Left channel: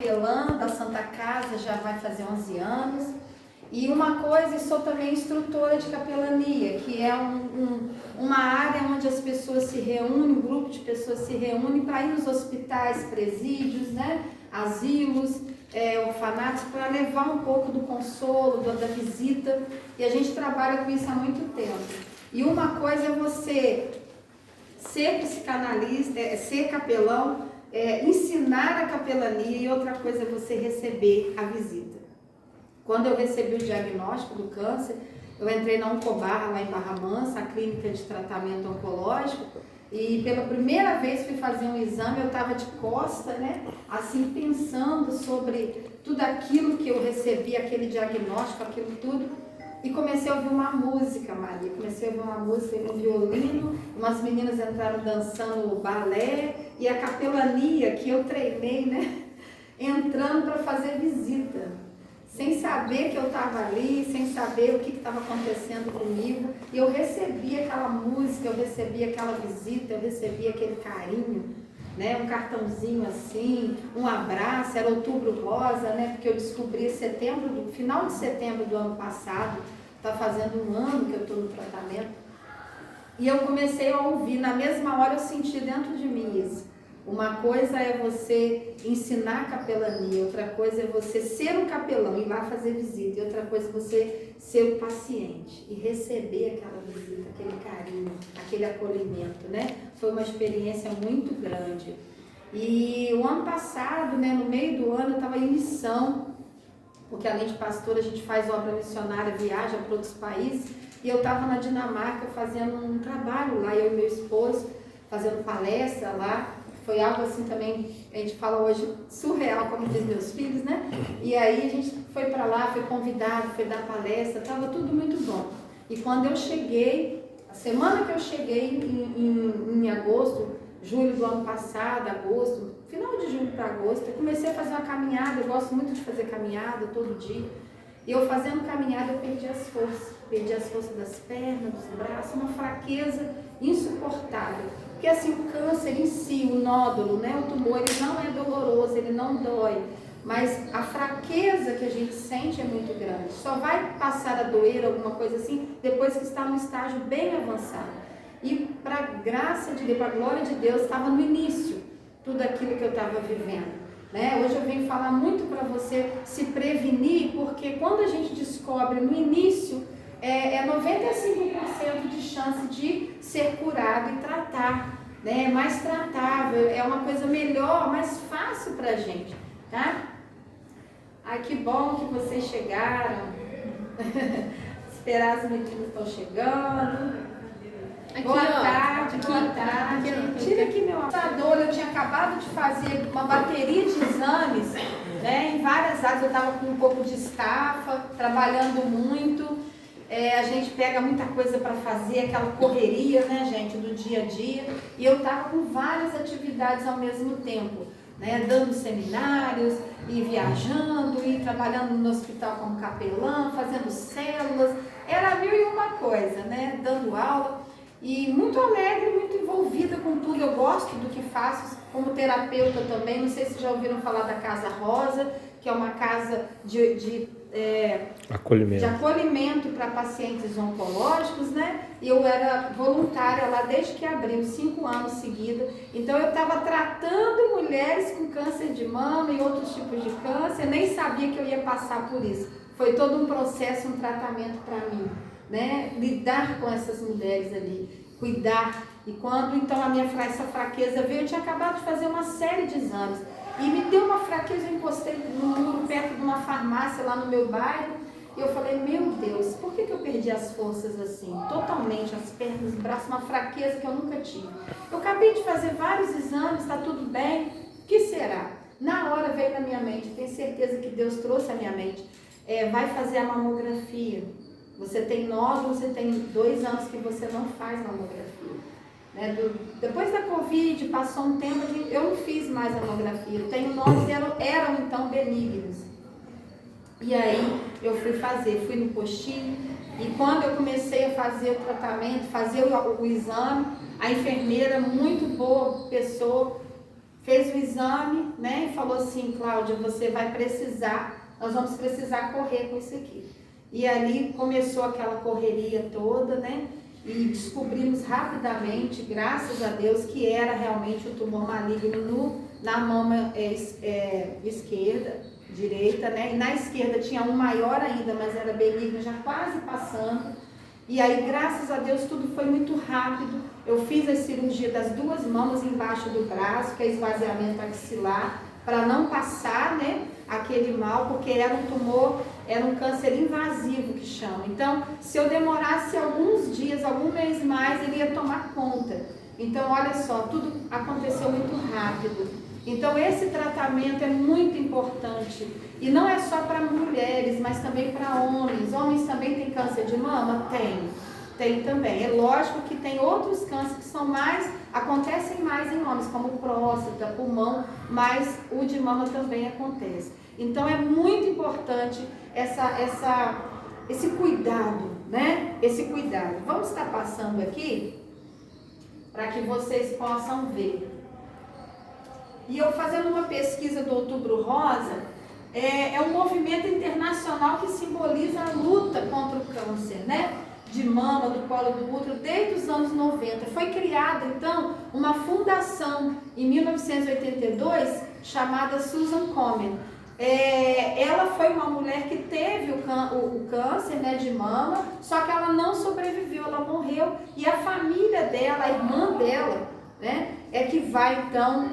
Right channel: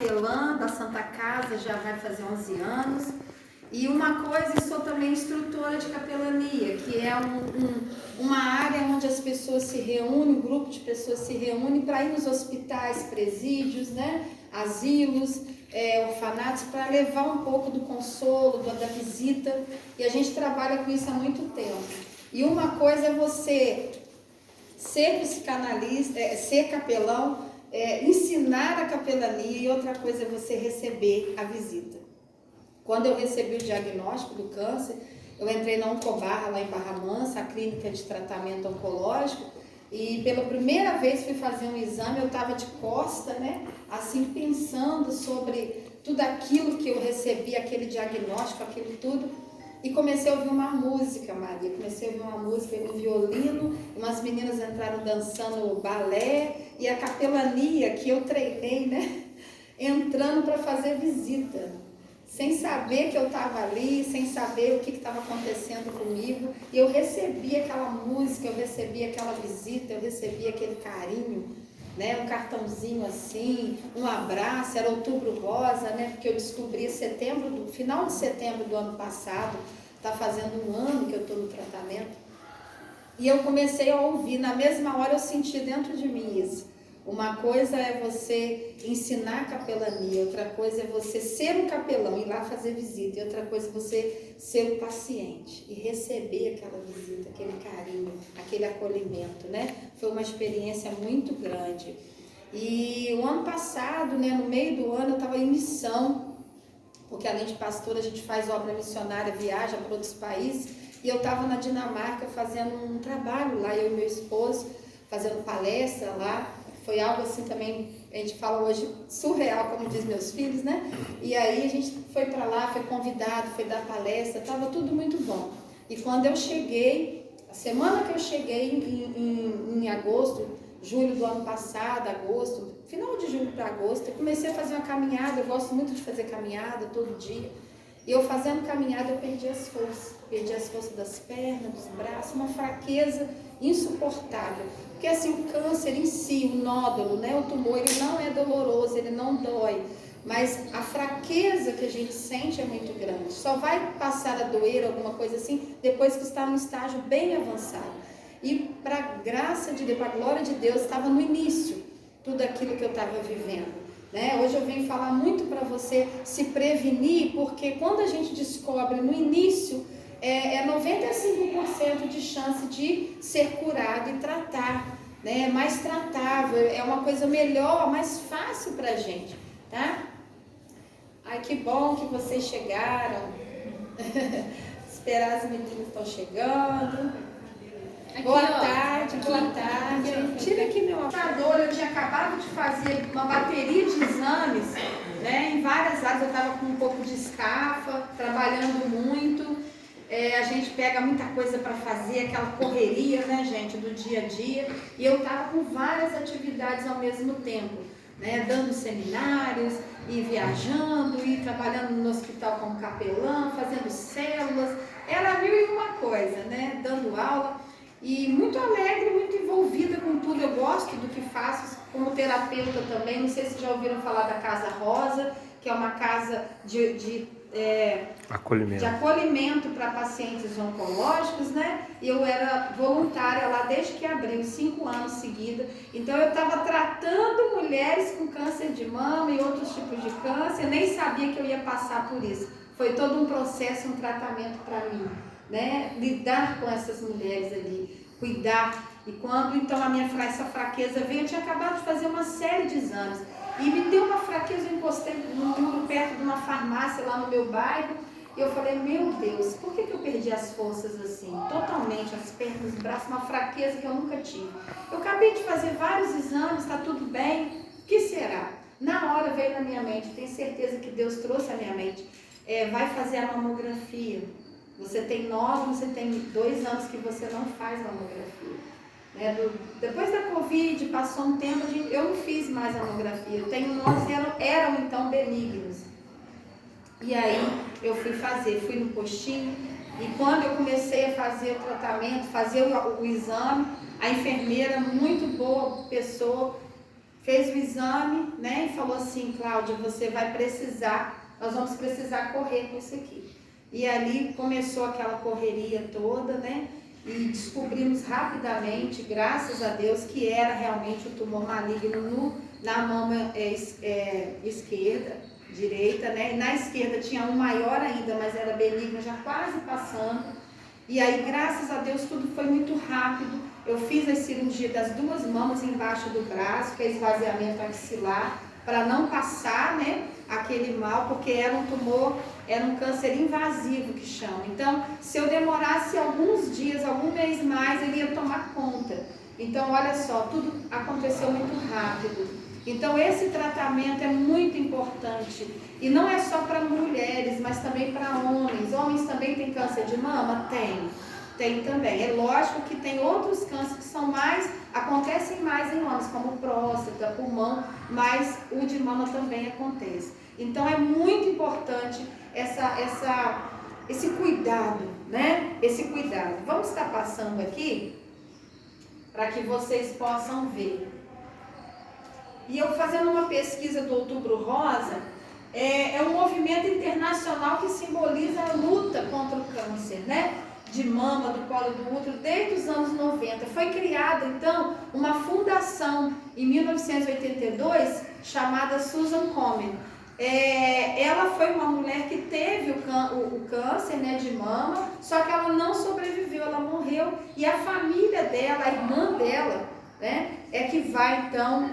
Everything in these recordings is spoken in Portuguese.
capelã da Santa Casa, já vai fazer 11 anos. E uma coisa, sou também instrutora de capelania, que é uma área onde as pessoas se reúnem, um grupo de pessoas se reúnem para ir nos hospitais, presídios, né, asilos, orfanatos, para levar um pouco do consolo, da visita. E a gente trabalha com isso há muito tempo. E uma coisa é você ser psicanalista, ser capelão, ensinar a capelania, e outra coisa é você receber a visita. Quando eu recebi o diagnóstico do câncer, eu entrei na Oncobarra, lá em Barra Mansa, a clínica de tratamento oncológico, e pela primeira vez fui fazer um exame, eu estava de costa, né, assim, pensando sobre tudo aquilo que eu recebi, aquele diagnóstico, aquilo tudo, e comecei a ouvir uma música, Maria, comecei a ouvir uma música no violino, umas meninas entraram dançando balé, e a capelania que eu treinei, né, entrando para fazer visita, sem saber que eu estava ali, sem saber o que estava acontecendo comigo, e eu recebi aquela música, eu recebi aquela visita, eu recebi aquele carinho, né, um cartãozinho assim, um abraço, era Outubro Rosa, né, porque eu descobri final de setembro do ano passado, está fazendo um ano que eu estou no tratamento, e eu comecei a ouvir, na mesma hora eu senti dentro de mim isso. Uma coisa é você ensinar capelania, outra coisa é você ser um capelão, ir lá fazer visita, e outra coisa é você ser o paciente e receber aquela visita, aquele carinho, aquele acolhimento, né? Foi uma experiência muito grande. E o ano passado, né, no meio do ano, eu estava em missão, porque além de pastora a gente faz obra missionária, viaja para outros países, e eu estava na Dinamarca fazendo um trabalho lá, eu e meu esposo, fazendo palestra lá. Foi algo assim também, a gente fala hoje, surreal, como diz meus filhos, né? E aí a gente foi para lá, foi convidado, foi dar palestra, estava tudo muito bom. E quando eu cheguei, a semana que eu cheguei em agosto, julho do ano passado, agosto, final de julho para agosto, eu comecei a fazer uma caminhada, eu gosto muito de fazer caminhada todo dia. E eu fazendo caminhada, eu perdi as forças das pernas, dos braços, uma fraqueza insuportável. Porque assim, o câncer em si, o nódulo, né, o tumor, ele não é doloroso, ele não dói, mas a fraqueza que a gente sente é muito grande. Só vai passar a doer, alguma coisa assim, depois que está num estágio bem avançado. E para a graça de Deus, para a glória de Deus, estava no início tudo aquilo que eu estava vivendo. Né? Hoje eu venho falar muito para você se prevenir, porque quando a gente descobre no início, é 95% de chance de ser curado e tratar, né? É mais tratável, é uma coisa melhor, mais fácil para a gente, tá? Ai, que bom que vocês chegaram. Esperar as meninas estão chegando. Aqui, boa tarde. Tira aqui meu computador. Eu tinha acabado de fazer uma bateria de exames, né, em várias áreas. Eu estava com um pouco de estafa, trabalhando muito. A gente pega muita coisa para fazer, aquela correria, né, gente, do dia a dia. E eu estava com várias atividades ao mesmo tempo, né, dando seminários, e viajando, e trabalhando no hospital como capelã, fazendo células. Era 1001 coisa, né, dando aula. E muito alegre, muito envolvida com tudo. Eu gosto do que faço como terapeuta também. Não sei se já ouviram falar da Casa Rosa, que é uma casa de acolhimento para pacientes oncológicos, né? E eu era voluntária lá desde que abriu, 5 anos seguidos. Então eu estava tratando mulheres com câncer de mama e outros tipos de câncer. Eu nem sabia que eu ia passar por isso. Foi todo um processo, um tratamento para mim, né? Lidar com essas mulheres ali, cuidar. E quando então essa fraqueza veio, eu tinha acabado de fazer uma série de exames e me deu uma fraqueza. Eu encostei no muro perto de uma farmácia lá no meu bairro e eu falei, meu Deus, por que eu perdi as forças assim, totalmente, as pernas, os braços, uma fraqueza que eu nunca tive. Eu acabei de fazer vários exames, está tudo bem, o que será? Na hora veio na minha mente, tenho certeza que Deus trouxe à minha mente, vai fazer a mamografia. Você tem nódulo, você tem 2 anos que você não faz mamografia. Né? Depois da Covid, passou um tempo, eu não fiz mais a mamografia. Tenho nódulos, eram então benignos. E aí eu fui no postinho, e quando eu comecei a fazer o tratamento, fazer o exame, a enfermeira, muito boa pessoa, fez o exame, né, e falou assim: Cláudia, você vai precisar, nós vamos precisar correr com isso aqui. E ali começou aquela correria toda, né, e descobrimos rapidamente, graças a Deus, que era realmente o tumor maligno na mama esquerda, direita, né, e na esquerda tinha um maior ainda, mas era benigno, já quase passando. E aí, graças a Deus, tudo foi muito rápido. Eu fiz a cirurgia das 2 mamas embaixo do braço, que é esvaziamento axilar, para não passar, né, aquele mal, porque era um tumor, era um câncer invasivo que chama. Então, se eu demorasse alguns dias, algum mês mais, ele ia tomar conta. Então, olha só, tudo aconteceu muito rápido. Então, esse tratamento é muito importante. E não é só para mulheres, mas também para homens. Homens também têm câncer de mama? Tem também. É lógico que tem outros cânceres que são acontecem mais em homens, como próstata, pulmão, mas o de mama também acontece. Então é muito importante esse cuidado, né? Esse cuidado. Vamos estar passando aqui para que vocês possam ver. E eu fazendo uma pesquisa do Outubro Rosa, é um movimento internacional que simboliza a luta contra o câncer, né, de mama, do colo do útero, desde os anos 90. Foi criada, então, uma fundação em 1982, chamada Susan Komen. Ela foi uma mulher que teve o câncer, né, de mama, só que ela não sobreviveu, ela morreu, e a família dela, a irmã dela, né, é que vai, então,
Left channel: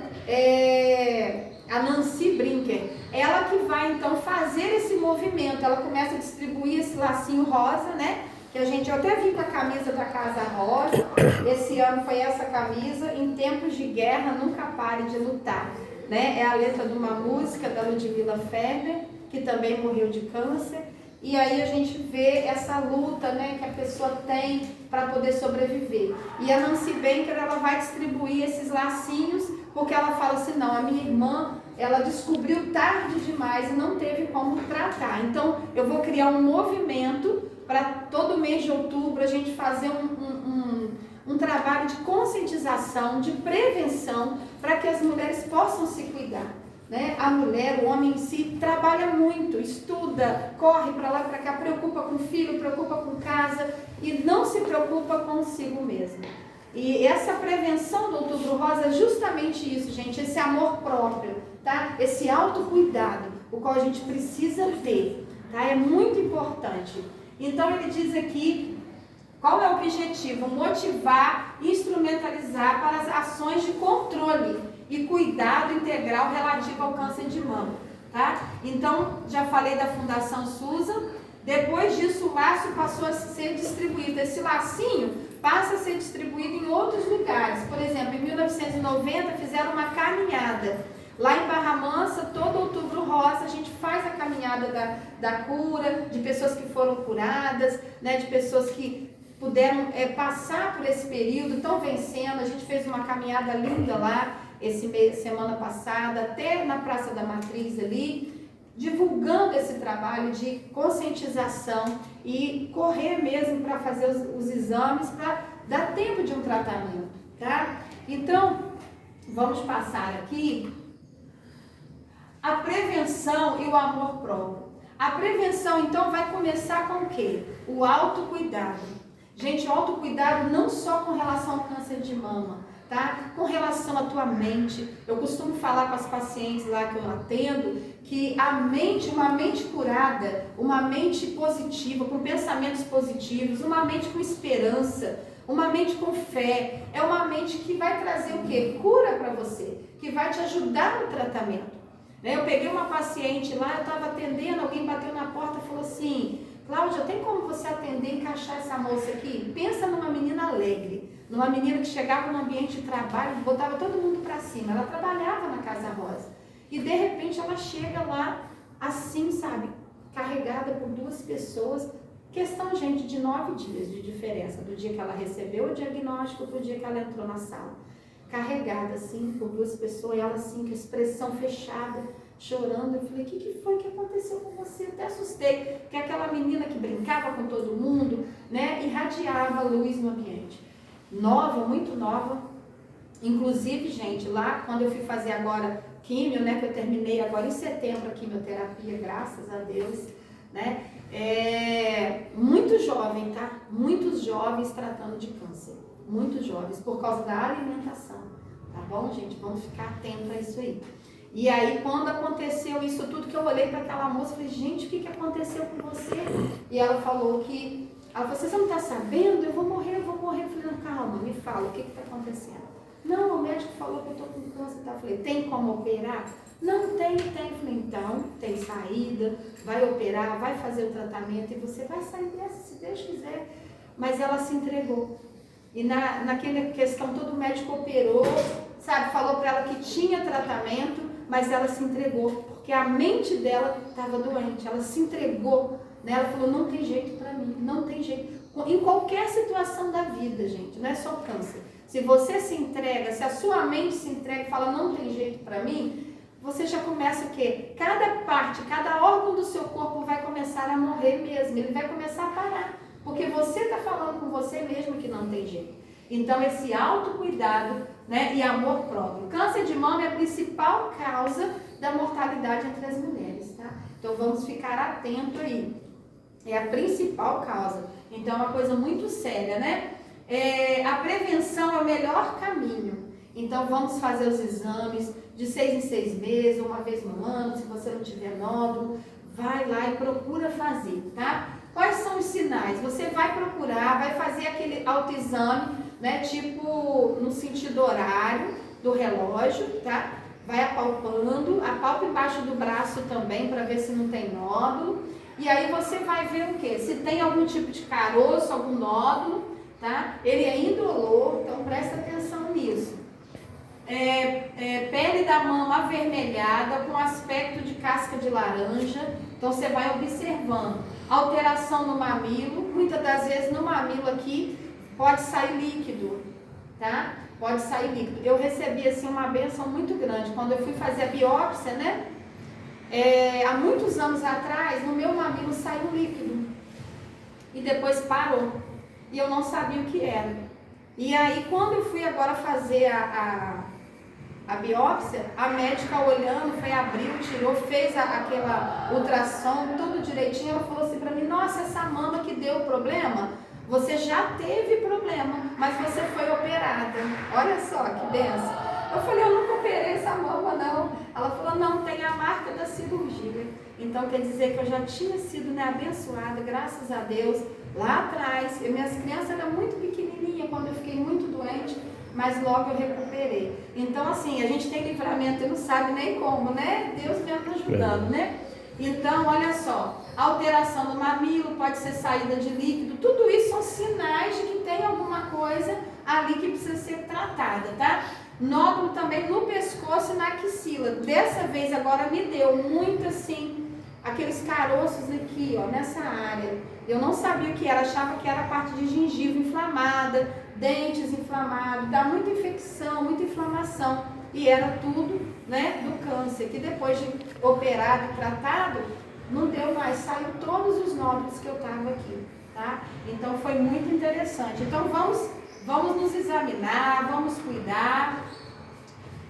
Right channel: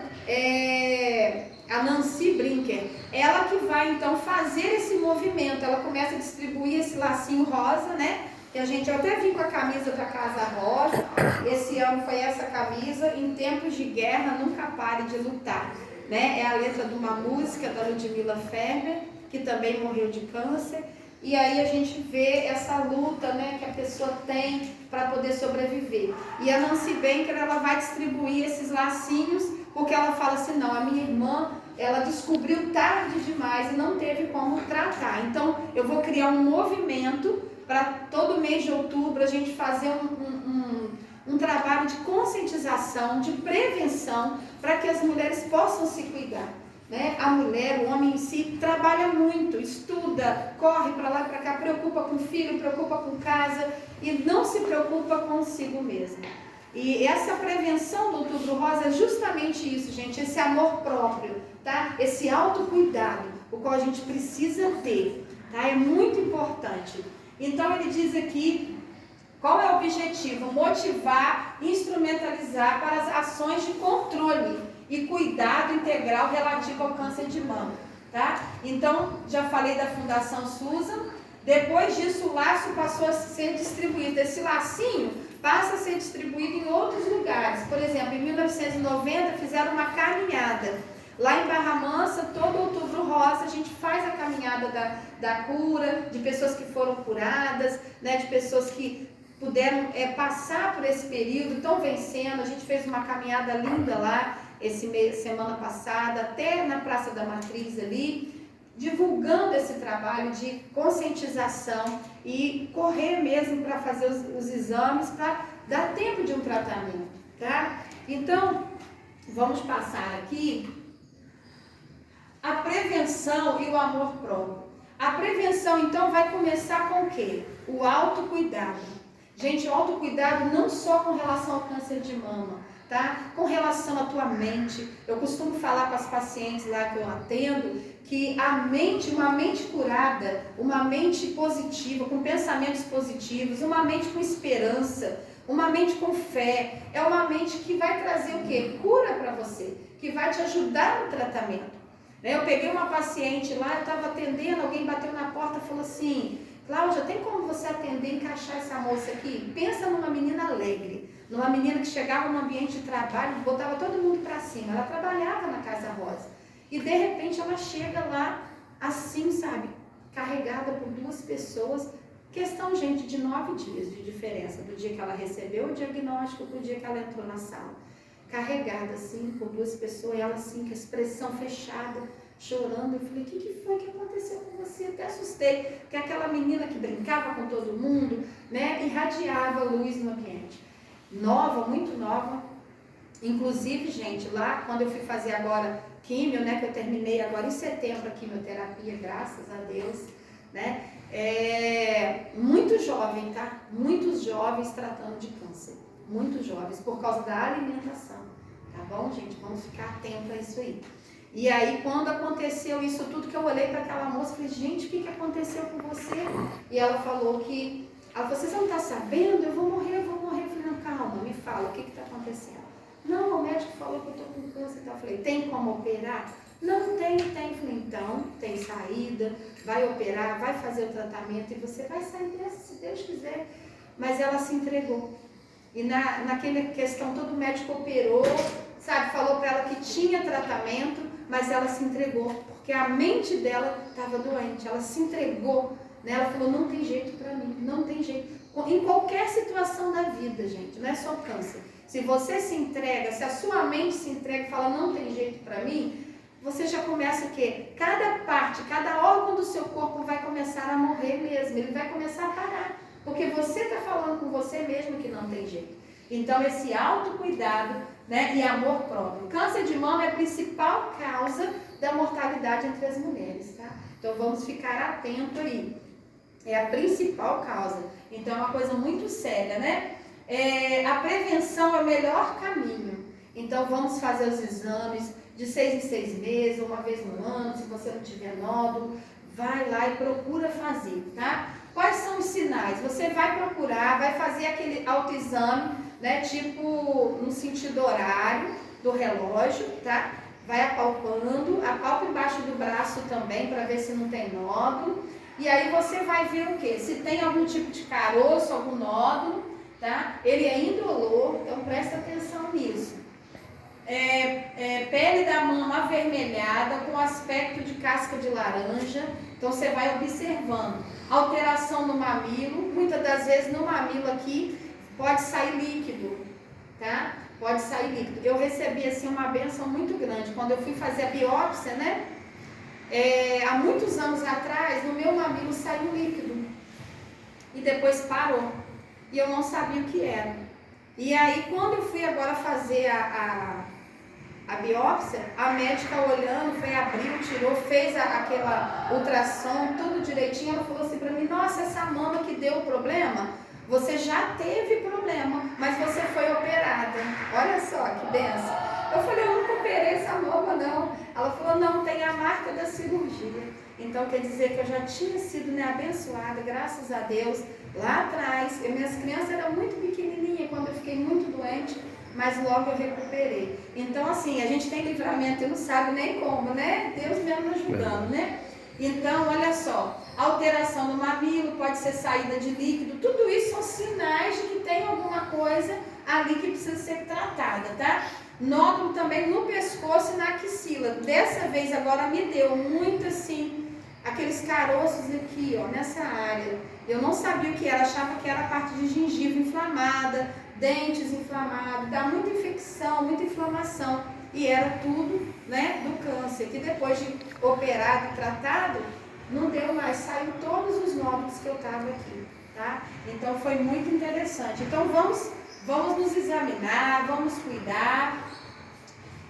a Nancy Brinker, ela que vai então fazer esse movimento. Ela começa a distribuir esse lacinho rosa, né, que eu até vim com a camisa da Casa Rosa, esse ano foi essa camisa: em tempos de guerra nunca pare de lutar, né, é a letra de uma música da Ludmilla Ferber, que também morreu de câncer. E aí a gente vê essa luta, né, que a pessoa tem para poder sobreviver. E a Nancy Brinker, ela vai distribuir esses lacinhos, porque ela fala assim: não, a minha irmã, ela descobriu tarde demais e não teve como tratar. Então, eu vou criar um movimento para todo mês de outubro a gente fazer um trabalho de conscientização, de prevenção, para que as mulheres possam se cuidar, né? A mulher, o homem em si, trabalha muito, estuda, corre para lá, para cá, preocupa com o filho, preocupa com casa e não se preocupa consigo mesmo. E essa prevenção do Outubro Rosa é justamente isso, gente, esse amor próprio, tá? Esse autocuidado, o qual a gente precisa ter, tá? É muito importante. Então ele diz aqui, qual é o objetivo? Motivar, instrumentalizar para as ações de controle e cuidado integral relativo ao câncer de mama, tá? Então, já falei da Fundação Susan. Depois disso, o laço passou a ser distribuído. Esse lacinho passa a ser distribuído em outros lugares. Por exemplo, em 1990 fizeram uma caminhada. Lá em Barra Mansa, todo Outubro Rosa, a gente faz a caminhada da cura, de pessoas que foram curadas, né, de pessoas que puderam passar por esse período, estão vencendo. A gente fez uma caminhada linda lá, semana passada, até na Praça da Matriz ali, divulgando esse trabalho de conscientização e correr mesmo para fazer os exames, para dar tempo de um tratamento, tá? Então, vamos passar aqui a prevenção e o amor próprio. A prevenção, então, vai começar com o quê? O autocuidado. Gente, o autocuidado não só com relação ao câncer de mama, tá? Com relação à tua mente. Eu costumo falar com as pacientes lá que eu atendo, que a mente, uma mente curada, uma mente positiva, com pensamentos positivos, uma mente com esperança, uma mente com fé, é uma mente que vai trazer o quê? Cura para você, que vai te ajudar no tratamento. Eu peguei uma paciente lá, eu estava atendendo, alguém bateu na porta e falou assim: Cláudia, tem como você atender e encaixar essa moça aqui? Pensa numa menina alegre, numa menina que chegava no ambiente de trabalho, botava todo mundo para cima. Ela trabalhava na Casa Rosa e de repente ela chega lá assim, sabe, carregada por 2 pessoas. Questão, gente, de 9 dias de diferença, do dia que ela recebeu o diagnóstico para o dia que ela entrou na sala. Carregada assim por 2 pessoas, e ela assim, com a expressão fechada, chorando. Eu falei: o que foi que aconteceu com você? Até assustei, porque aquela menina que brincava com todo mundo, né, irradiava luz no ambiente. Nova, muito nova, Inclusive, gente, lá quando eu fui fazer agora químio, né, que eu terminei agora em setembro a quimioterapia, graças a Deus, né, muito jovem, tá? Muitos jovens tratando de câncer, muitos jovens, por causa da alimentação, tá bom, gente? Vamos ficar atento a isso aí. E aí, quando aconteceu isso tudo, que eu olhei para aquela moça e falei, gente, o que aconteceu com você? E ela falou, você não está sabendo? Eu vou morrer. Eu falei, não, calma, me fala, o que está acontecendo? Não, o médico falou que eu estou com câncer. Eu falei, tem como operar? Não, tem. Eu falei, então, tem saída, vai operar, vai fazer o tratamento e você vai sair dessa, se Deus quiser. Mas ela se entregou. E naquela questão, todo médico operou, sabe, falou para ela que tinha tratamento, mas ela se entregou, porque a mente dela estava doente, ela se entregou, né? Ela falou, não tem jeito para mim, não tem jeito. Em qualquer situação da vida, gente, não é só câncer. Se você se entrega, se a sua mente se entrega e fala, não tem jeito para mim, você já começa o quê? Cada parte, cada órgão do seu corpo vai começar a morrer mesmo, ele vai começar a parar, porque você está falando com você mesmo que não tem jeito. Então, esse autocuidado, né, e amor próprio. Câncer de mama é a principal causa da mortalidade entre as mulheres, tá? Então, vamos ficar atento aí. É a principal causa. Então, é uma coisa muito séria, né? A prevenção é o melhor caminho. Então, vamos fazer os exames de 6 em 6 meses, uma vez no ano. Se você não tiver nódulo, vai lá e procura fazer, tá? Quais são os sinais? Você vai procurar, vai fazer aquele autoexame, né, tipo no sentido horário do relógio, tá? Vai apalpando, apalpa embaixo do braço também para ver se não tem nódulo. E aí você vai ver o que? Se tem algum tipo de caroço, algum nódulo, tá? Ele é indolor, então presta atenção nisso. Pele da mama avermelhada com aspecto de casca de laranja, então você vai observando. Alteração no mamilo, muitas das vezes no mamilo aqui pode sair líquido, tá? Pode sair líquido. Eu recebi assim uma benção muito grande quando eu fui fazer a biópsia, né? Há muitos anos atrás, no meu mamilo saiu líquido e depois parou e eu não sabia o que era. E aí, quando eu fui agora fazer a biópsia, a médica olhando, abriu, tirou, fez aquela ultrassom, tudo direitinho. Ela falou assim pra mim, nossa, essa mama que deu problema, você já teve problema, mas você foi operada. Olha só que benção. Eu falei, eu nunca operei essa mama, não. Ela falou, não, tem a marca da cirurgia. Então, quer dizer que eu já tinha sido, né, abençoada, graças a Deus, lá atrás. Minhas crianças eram muito pequenininhas quando eu fiquei muito doente, mas logo eu recuperei. Então, assim, a gente tem livramento e não sabe nem como, né? Deus mesmo nos ajudando, né? Então, olha só, alteração no mamilo, pode ser saída de líquido, tudo isso são sinais de que tem alguma coisa ali que precisa ser tratada, tá? Nódulo também no pescoço e na axila. Dessa vez agora me deu muito assim, aqueles caroços aqui, ó, nessa área. Eu não sabia o que era, achava que era a parte de gengiva inflamada, dentes inflamados, dá muita infecção, muita inflamação. E era tudo, né, do câncer, que depois de operado e tratado, não deu mais, saiu todos os nódulos que eu tava aqui, tá? Então foi muito interessante. Então vamos nos examinar, vamos cuidar.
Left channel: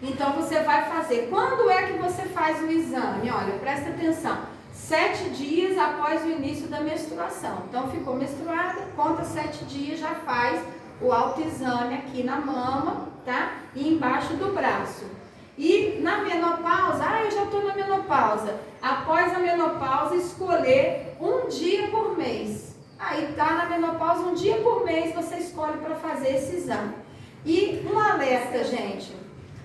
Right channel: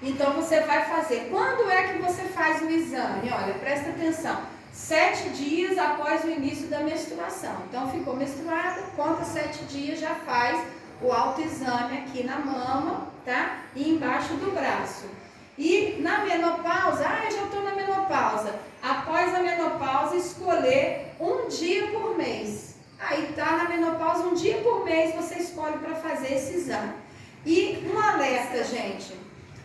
Então você vai fazer. Quando é que você faz o exame? Olha, presta atenção. 7 dias após o início da menstruação. Então ficou menstruada, conta 7 dias, já faz o autoexame aqui na mama, tá? E embaixo do braço. E na menopausa, eu já estou na menopausa. Após a menopausa, escolher um dia por mês. Aí tá na menopausa, um dia por mês você escolhe para fazer esse exame. E um alerta, gente.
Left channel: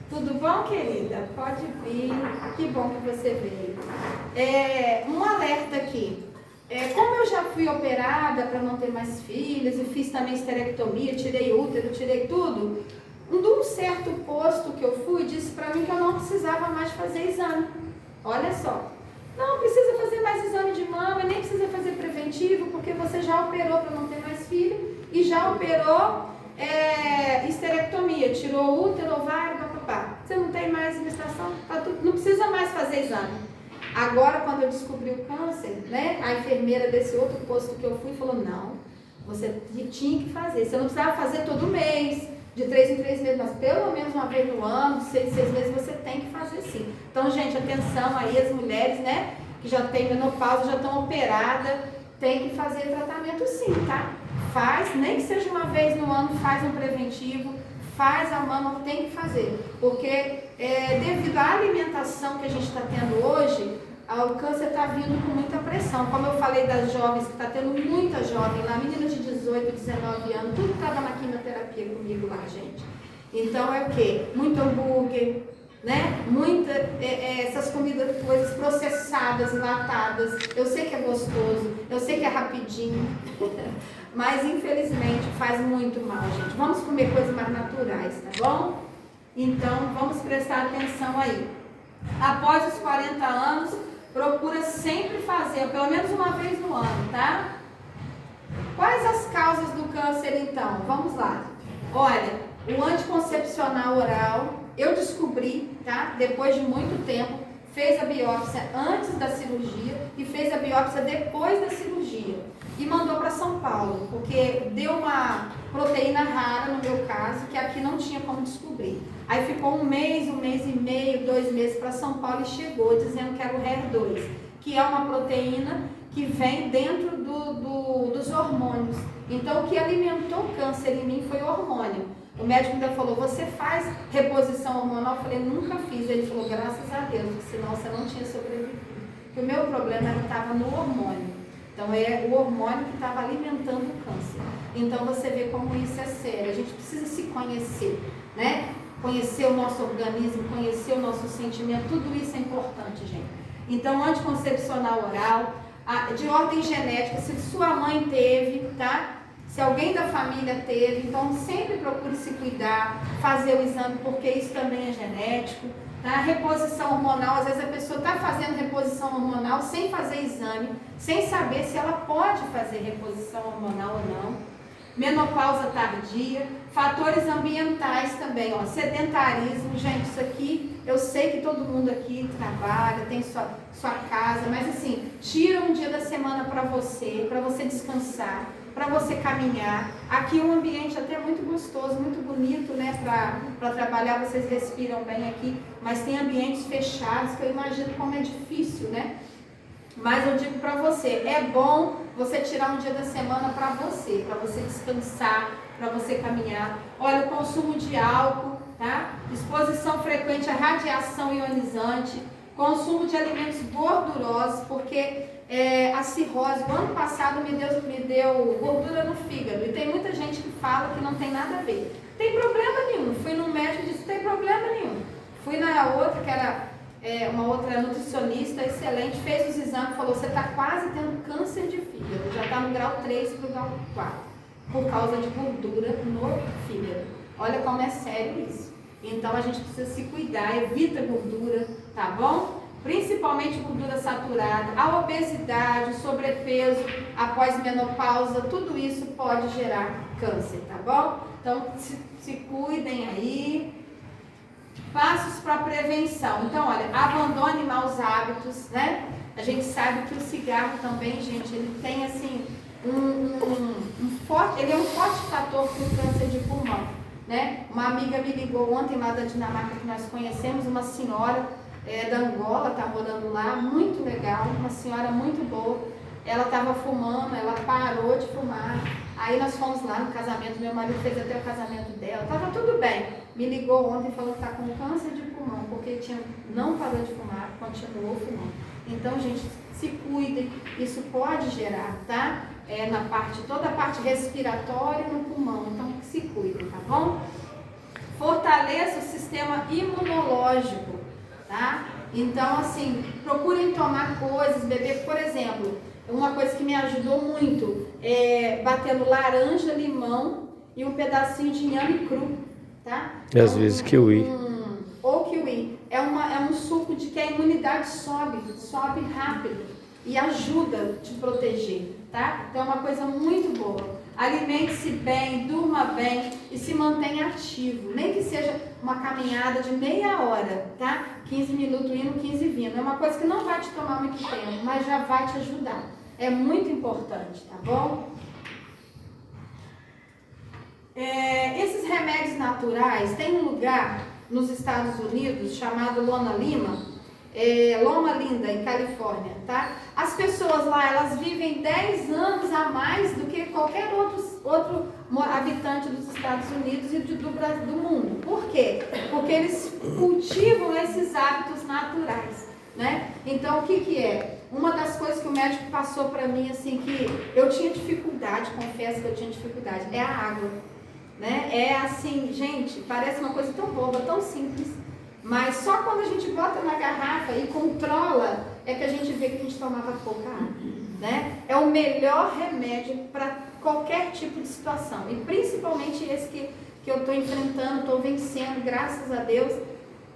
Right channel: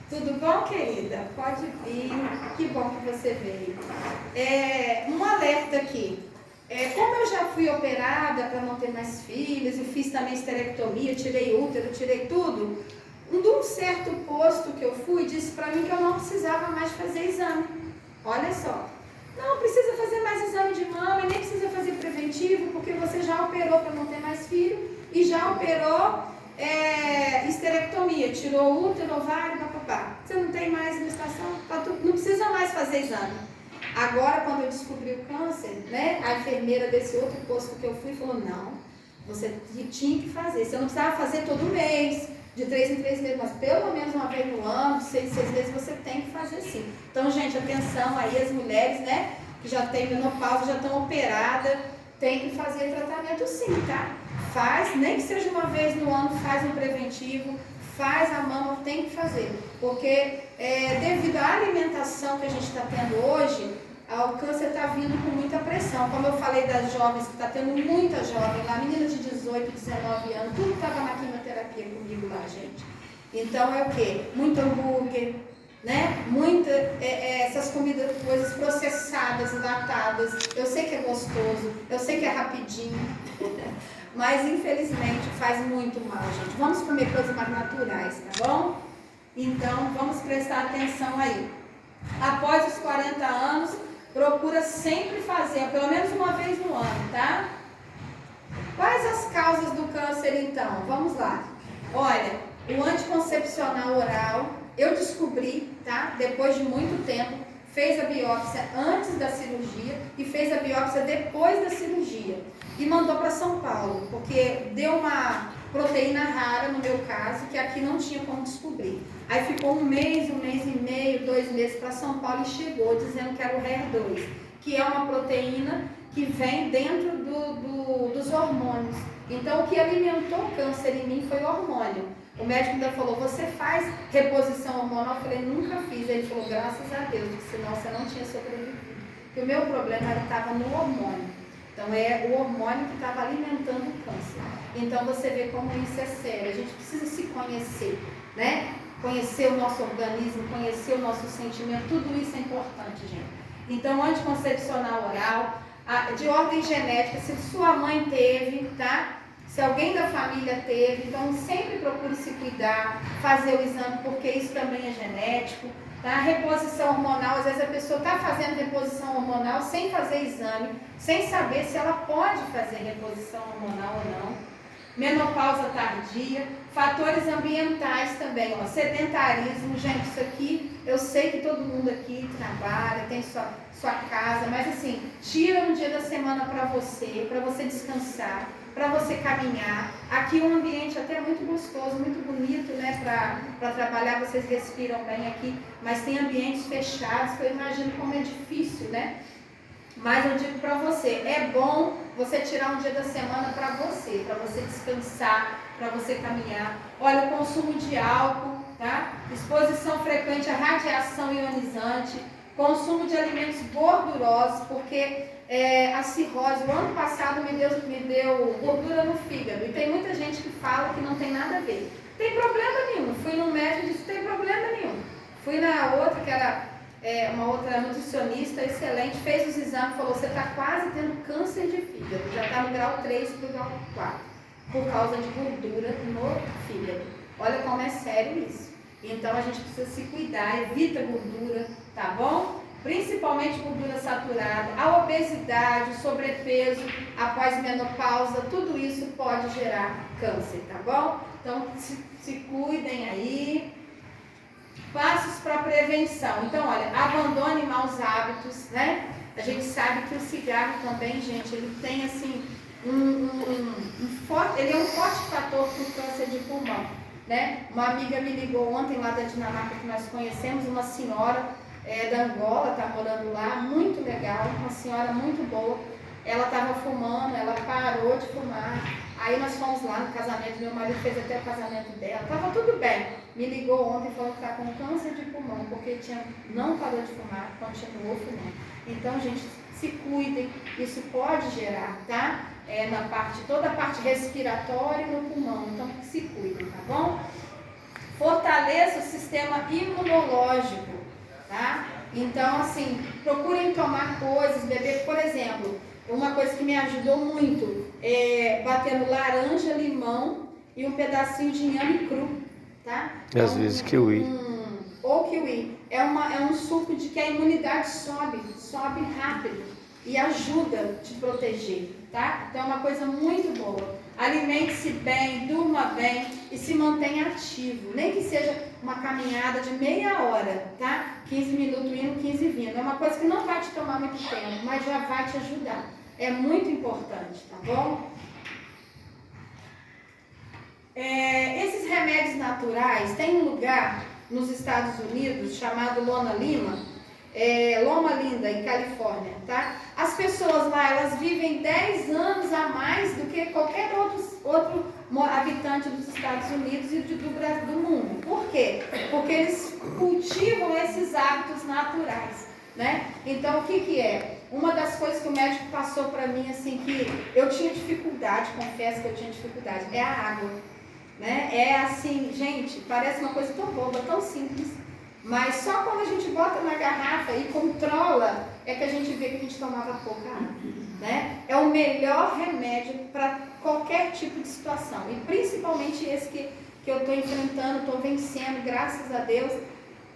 Tudo bom, querida? Pode vir. Que bom que você veio. Um alerta aqui. Como eu já fui operada para não ter mais filhos e fiz também esterectomia, tirei útero, tirei tudo, de um certo posto que eu fui, disse para mim que eu não precisava mais fazer exame. Olha só. Não precisa fazer mais exame de mama, nem precisa fazer preventivo, porque você já operou para não ter mais filho e já operou esterectomia, tirou útero, ovário, papapá. Você não tem mais menstruação, não precisa mais fazer exame. Agora, quando eu descobri o câncer, né, a enfermeira desse outro posto que eu fui falou, não, você tinha que fazer, você não precisava fazer todo mês, De 3 em 3 meses, mas pelo menos uma vez no ano, 6 em 6 meses, você tem que fazer sim. Então, gente, atenção aí, as mulheres, né, que já têm menopausa, já estão operadas, tem que fazer tratamento sim, tá? Faz, nem que seja uma vez no ano, faz um preventivo, faz a mama, tem que fazer. Porque devido à alimentação que a gente está tendo hoje, o câncer está vindo com muita pressão. Como eu falei das jovens, que está tendo muita jovem lá, meninas de 18, 19 anos, tudo estava na quimioterapia comigo lá, gente. Então é o quê? Muito hambúrguer, né? Muita, essas comidas, coisas processadas, enlatadas. Eu sei que é gostoso, eu sei que é rapidinho, mas infelizmente faz muito mal, gente. Vamos comer coisas mais naturais, tá bom? Então vamos prestar atenção aí. Após os 40 anos, procura sempre fazer, pelo menos uma vez no ano, tá? Quais as causas do câncer, então? Vamos lá. Olha, o anticoncepcional oral, eu descobri, tá? Depois de muito tempo, fez a biópsia antes da cirurgia e fez a biópsia depois da cirurgia. E mandou para São Paulo, porque deu uma proteína rara, no meu caso, que aqui não tinha como descobrir. Aí ficou um mês e meio, 2 meses para São Paulo e chegou dizendo que era o HER2, que é uma proteína que vem dentro dos hormônios. Então, o que alimentou o câncer em mim foi o hormônio. O médico ainda falou, você faz reposição hormonal? Eu falei, nunca fiz. Ele falou, graças a Deus, porque senão você não tinha sobrevivido. Porque o meu problema estava no hormônio. Então, é o hormônio que estava alimentando o câncer. Então, você vê como isso é sério. A gente precisa se conhecer, né? Conhecer o nosso organismo, conhecer o nosso sentimento, tudo isso é importante, gente. Então, anticoncepcional oral, de ordem genética, se sua mãe teve, tá? Se alguém da família teve, então sempre procure se cuidar, fazer o exame, porque isso também é genético, tá? Reposição hormonal, às vezes a pessoa está fazendo reposição hormonal sem fazer exame, sem saber se ela pode fazer reposição hormonal ou não. Menopausa tardia, fatores ambientais também, ó, sedentarismo, gente, isso aqui, eu sei que todo mundo aqui trabalha, tem sua casa, mas assim, tira um dia da semana para você descansar, para você caminhar. Aqui é um ambiente até muito gostoso, muito bonito, né, para trabalhar, vocês respiram bem aqui, mas tem ambientes fechados, que eu imagino como é difícil, né? Mas eu digo para você, é bom você tirar um dia da semana para você descansar, para você caminhar. Olha, o consumo de álcool, tá? Exposição frequente à radiação ionizante, consumo de alimentos gordurosos, porque a cirrose, o ano passado me deu gordura no fígado, e tem muita gente que fala que não tem nada a ver. Tem problema nenhum. Fui no médico e disse, tem problema nenhum. Fui na outra, que era uma outra nutricionista excelente, fez os exames e falou, você está quase tendo câncer de fígado, já está no grau 3 para o grau 4, por causa de gordura no fígado. Olha como é sério isso. Então a gente precisa se cuidar, evita gordura, tá bom? Principalmente gordura saturada, a obesidade, o sobrepeso após menopausa, tudo isso pode gerar câncer, tá bom? Então se cuidem aí. Passos para prevenção. Então, olha, abandone maus hábitos, né? A gente sabe que o cigarro também, gente, ele tem assim ele é um forte fator para o câncer de pulmão, né? Uma amiga me ligou ontem lá da Dinamarca, que nós conhecemos, uma senhora da Angola, tá morando lá, muito legal, uma senhora muito boa. Ela estava fumando, ela parou de fumar. Aí nós fomos lá no casamento, meu marido fez até o casamento dela, estava tudo bem. Me ligou ontem e falou que está com câncer de pulmão, porque não parou de fumar, continuou fumando. Então, gente, se cuidem, isso pode gerar, tá? Toda a parte respiratória e no pulmão, então se cuidem, tá bom? Fortaleça o sistema imunológico, tá? Então, assim, procurem tomar coisas, beber, por exemplo, uma coisa que me ajudou muito é batendo laranja, limão e um pedacinho de inhame cru, tá? E às vezes kiwi. Ou kiwi. É um suco de que a imunidade sobe rápido e ajuda a te proteger, tá? Então é uma coisa muito boa. Alimente-se bem, durma bem e se mantenha ativo. Nem que seja uma caminhada de meia hora, tá? 15 minutos indo, 15 vindo. É uma coisa que não vai te tomar muito tempo, mas já vai te ajudar. É muito importante, tá bom? Esses remédios naturais, tem um lugar nos Estados Unidos chamado Loma Linda, em Califórnia, tá? As pessoas lá, elas vivem 10 anos a mais do que qualquer outro habitante dos Estados Unidos e do mundo. Por quê? Porque eles cultivam esses hábitos naturais, né? Então, o que é? Uma das coisas que o médico passou para mim, assim, que eu tinha dificuldade, confesso que eu tinha dificuldade, é a água, né? É assim, gente, parece uma coisa tão boba, tão simples, mas só quando a gente bota na garrafa e controla, é que a gente vê que a gente tomava pouca água, né? É o melhor remédio para qualquer tipo de situação, e principalmente esse que eu estou enfrentando, estou vencendo, graças a Deus,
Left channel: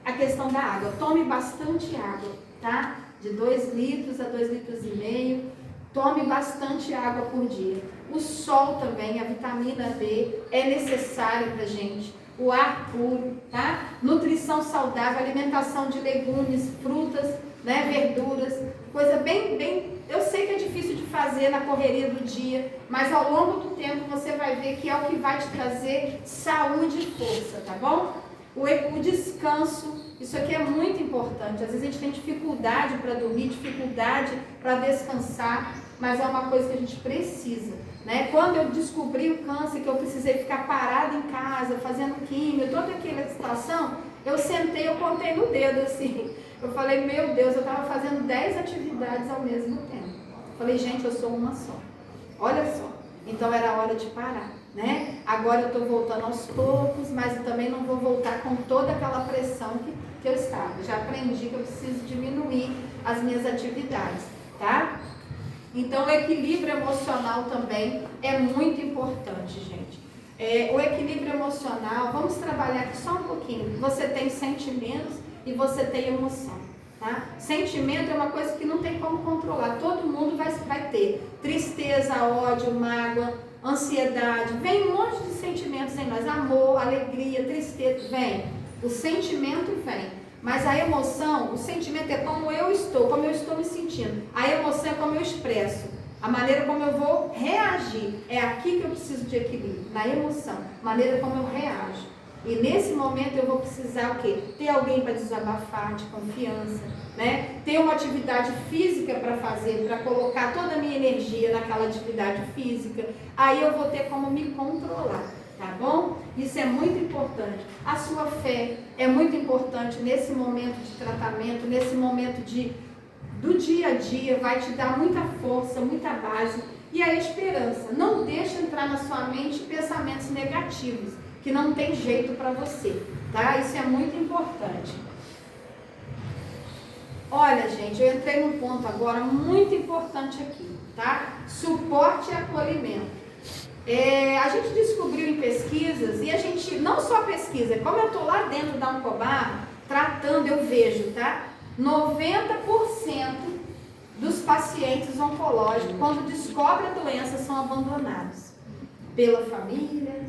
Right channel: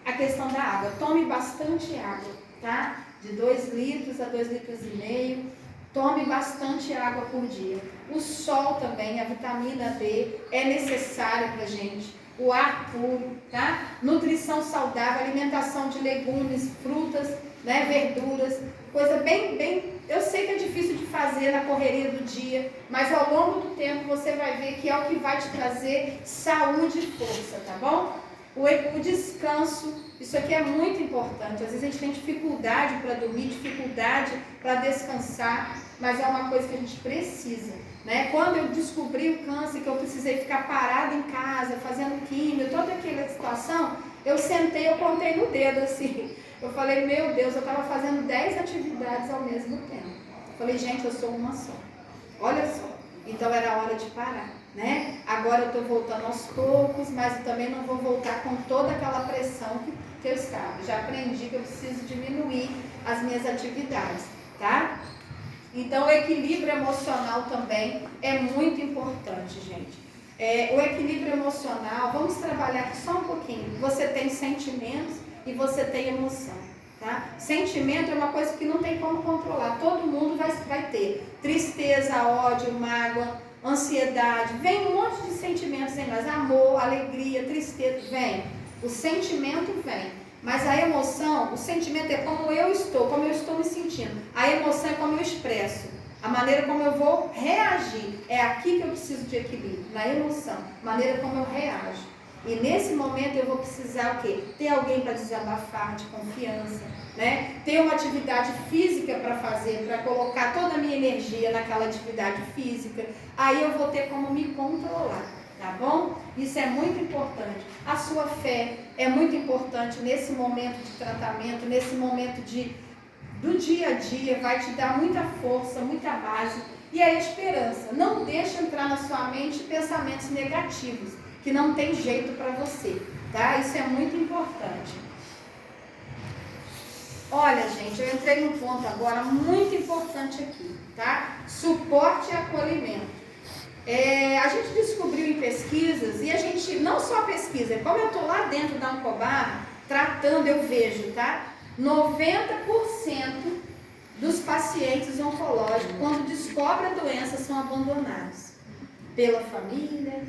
a questão da água. Tome bastante água, tá? De 2 litros a 2,5 litros. Tome bastante água por dia. O sol também, a vitamina D é necessária para a gente. O ar puro, tá? Nutrição saudável, alimentação de legumes, frutas, né? Verduras, coisa bem... Eu sei que é difícil de fazer na correria do dia, mas ao longo do tempo você vai ver que é o que vai te trazer saúde e força, tá bom? O descanso, isso aqui é muito importante. Às vezes a gente tem dificuldade para dormir, dificuldade para descansar, mas é uma coisa que a gente precisa, né? Quando eu descobri o câncer, que eu precisei ficar parada em casa, fazendo químio, toda aquela situação, eu sentei, eu contei no dedo assim. Eu falei, meu Deus, eu estava fazendo 10 atividades ao mesmo tempo. Eu falei, gente, eu sou uma só. Olha só. Então era hora de parar, né? Agora eu estou voltando aos poucos, mas eu também não vou voltar com toda aquela pressão que eu estava. Já aprendi que eu preciso diminuir as minhas atividades, tá? Então o equilíbrio emocional também é muito importante, gente. O equilíbrio emocional, vamos trabalhar aqui só um pouquinho. Você tem sentimentos e você tem emoção, tá? Sentimento é uma coisa que não tem como controlar. Todo mundo vai ter tristeza, ódio, mágoa, ansiedade. Vem um monte de sentimentos em nós. Amor, alegria, tristeza, vem. O sentimento vem. Mas a emoção, o sentimento é como eu estou me sentindo. A emoção é como eu expresso. A maneira como eu vou reagir. É aqui que eu preciso de equilíbrio, na emoção. A maneira como eu reajo. E nesse momento eu vou precisar o quê? Ter alguém para desabafar, de confiança, né? Ter uma atividade física para fazer, para colocar toda a minha energia naquela atividade física. Aí eu vou ter como me controlar, tá bom? Isso é muito importante. A sua fé é muito importante nesse momento de tratamento, nesse momento do dia a dia, vai te dar muita força, muita base. E a esperança. Não deixe entrar na sua mente pensamentos negativos, que não tem jeito para você, tá? Isso é muito importante. Olha, gente, eu entrei num ponto agora muito importante aqui, tá? Suporte e acolhimento. A gente descobriu em pesquisas, e a gente, não só pesquisa, como eu estou lá dentro da Oncobarra, tratando, eu vejo, tá? 90% dos pacientes oncológicos, quando descobrem a doença, são abandonados pela família,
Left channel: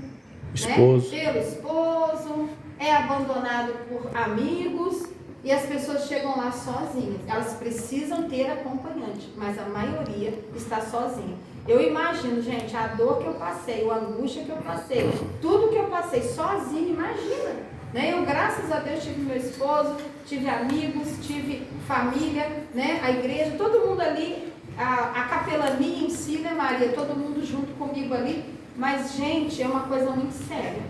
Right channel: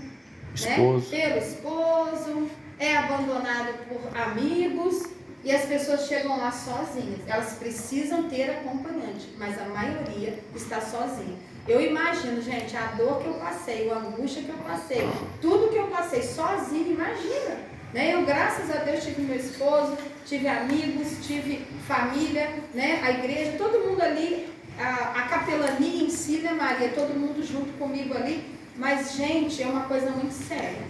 né? Pelo esposo, é abandonado por amigos, e as pessoas chegam lá sozinhas. Elas precisam ter acompanhante, mas a maioria está sozinha. Eu imagino, gente, a dor que eu passei, a angústia que eu passei, tudo que eu passei sozinha, imagina, né? Eu, graças a Deus, tive meu esposo, tive amigos, tive família, né? A igreja, todo mundo ali, a capelania em si, né, Maria? Todo mundo junto comigo ali. Mas, gente, é uma coisa muito séria.